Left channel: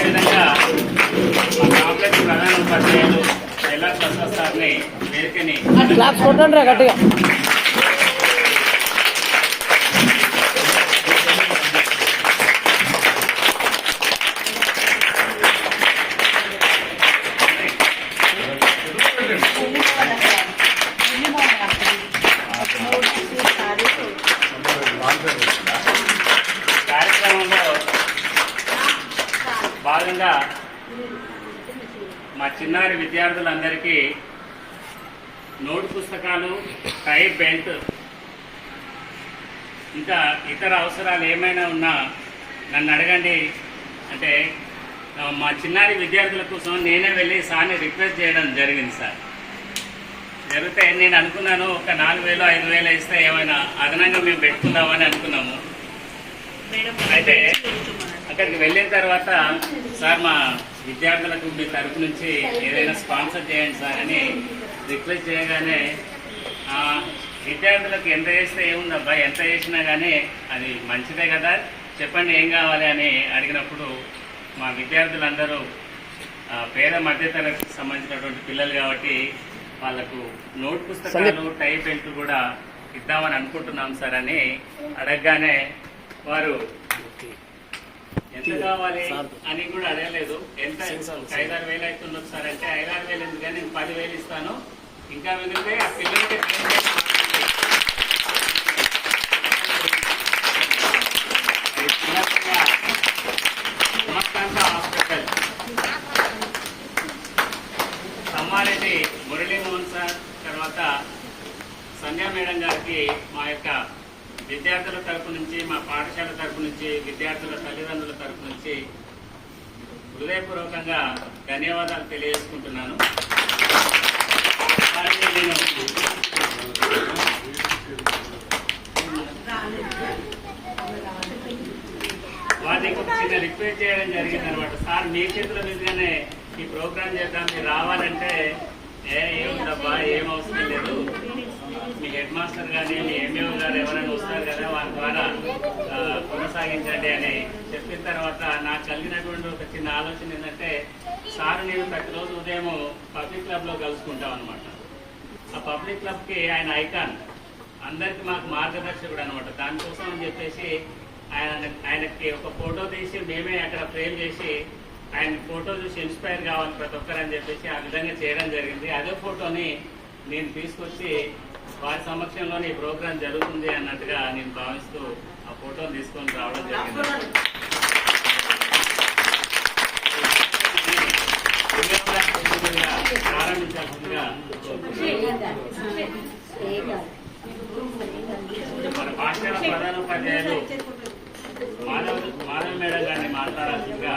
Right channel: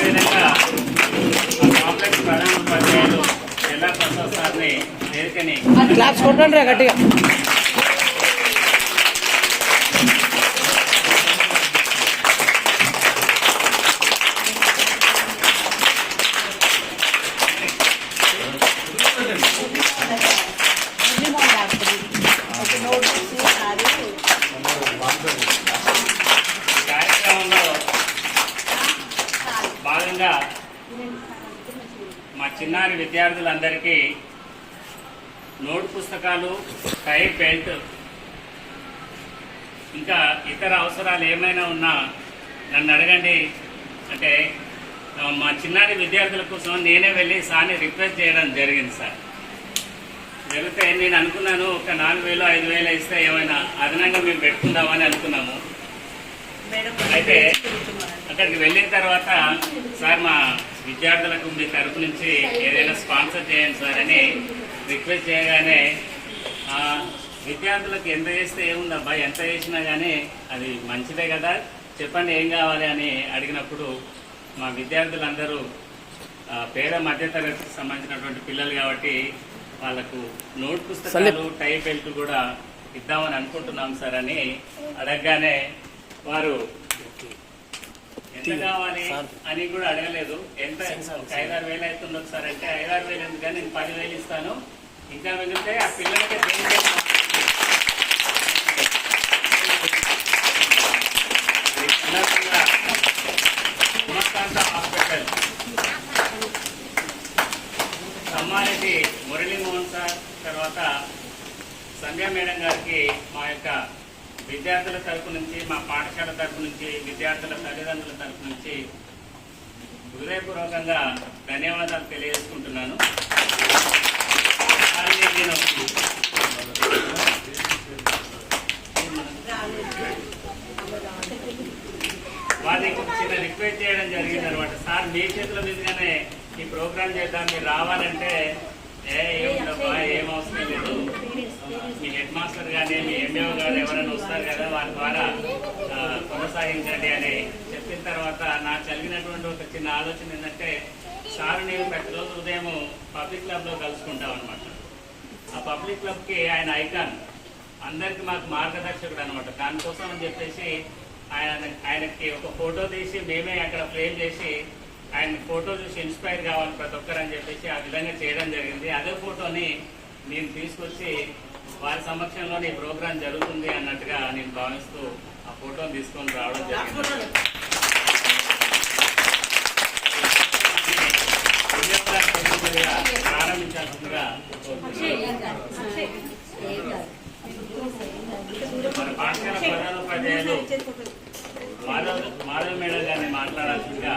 అదేవిధంగా కాంప్లెక్స్ ప్రధాన ఉపాధ్యాయులు ఎల్లా ప్రసాద్ సార్ని వేదికని క్లాప్స్ కొట్టండి గట్టిగా. కార్యక్రమంలో భాగంగా మా చిన్నారి విద్యార్థులందరికీ నోట్ పుస్తకాలు, టై, బెల్ట్, ఇంకా ఇతర అవసరాలు ఏమైనా ఉన్నా నన్ను అడగండి అంటే మా చిన్నారి విద్యార్థుల కోసం నేనే వెళ్ళి సార్ని రిక్వెస్ట్ చేయడం జరిగింది. సార్ జరిగితే నేను అనుకున్నాను ఒక 4,000 5,000 ఇస్తే ఏమైనా అదనంగా మేము పెట్టుకుందామని అనుకున్నాము. అయితే అక్కడికి వెళ్ళిన తర్వాత సార్ మా విద్యార్థులకు మీ తరపు నుంచి ఏదైనా స్పాన్సర్ చేయండి సార్ అని రిక్వెస్ట్ చేయగానే విద్యార్థులకు ఎంత చేస్తే ఏముందబ్బా, ఎంత చేసినా కానీ అది మంచిదే కదా, చెప్పండి ఏం కావాలి అని అడిగినప్పుడు మా విద్యార్థులందరూ పేద మధ్యతరగతికి సంబంధించినటువంటి పిల్లలు కాబట్టి వాళ్ళకు నోట్ పుస్తకాలు, టై, బెల్ట్ కూడా ఇద్దామని అనుకుంటున్నాం సార్ అని అడగగానే వారు ఎంత కావాలి అని కూడా అడగలేదు. ఎంత 5,000-6,000 అవుతుంది సార్ అంటే 5,000-6,000 ఎందుకని నేను 10,000 ఇస్తాను, ఇంకా మిగిలితే ఆ పిల్లలకి ఉమాకాంత హాస్పిటల్ సమ్మారెడ్డి మురళీమోహన్ సార్, తర్వాత సంధ్యా మేడం గారికి మా యొక్క విద్యార్థుల తరపు నుంచి, మా పాఠశాల తరపు నుంచి, విద్యార్థుల తల్లిదండ్రుల తరపు నుంచి హృదయపూర్వకంగా ధన్యవాదాలు తెలియజేసుకుంటున్నాను. నేను వారికి చిన్న రిక్వెస్ట్ చేయడం జరిగింది అనమాట. సార్ మీ చేతిలో మీదుగానే ఈ ప్రోగ్రాం చేద్దాం, మీరు రావాలంటే ఏముందబ్బా ఏం అవసరం లేదు, మీ హెడ్ మాస్టర్ కానీ మీ ఎంఏఓ గారు ఎవరైనా వస్తారు కదా వారి ద్వారా కొనసాగించండి అని చెప్పిన తర్వాత నాకు కలిగినటువంటి ఒక చిన్న ఆలోచన ఏంటంటే సార్ నేను ప్రతిరోజు ఉదయం పబ్లిక్ క్లబ్లో కలుసుకుంటాం అనమాట. ఆ పబ్లిక్ క్లబ్కి ఆయన ఐకాన్, అందరికి మాకు మార్గదర్శకుడు అనమాట. దానికోసం అని చెప్పేసి ఆయనకి ఒక ఫోటో తీసి మేమే అక్కడ ఫ్రేమ్ చేసి ఆయన ఫోటో చూసి ఇన్స్పైర్ కావాలి ప్రతి ఒక్కరు అని చెప్పేసి ఆ విధంగా చేయడం జరిగింది. అదే ఫోటోని నేను తీసుకొచ్చి వారి సమక్షంలో ఈ ప్రోగ్రాం జరుగుతుంది అన్నట్టుగా నేను భావిస్తూ ఆ ఫోటోని తీసుకొని రావడం జరిగింది. ప్రారంభించాల్సిందిగా మన పాఠశాల ప్రధానోపాధ్యాయులు మాధవ్ మేడం గారిని మాట్లాడాల్సిందిగా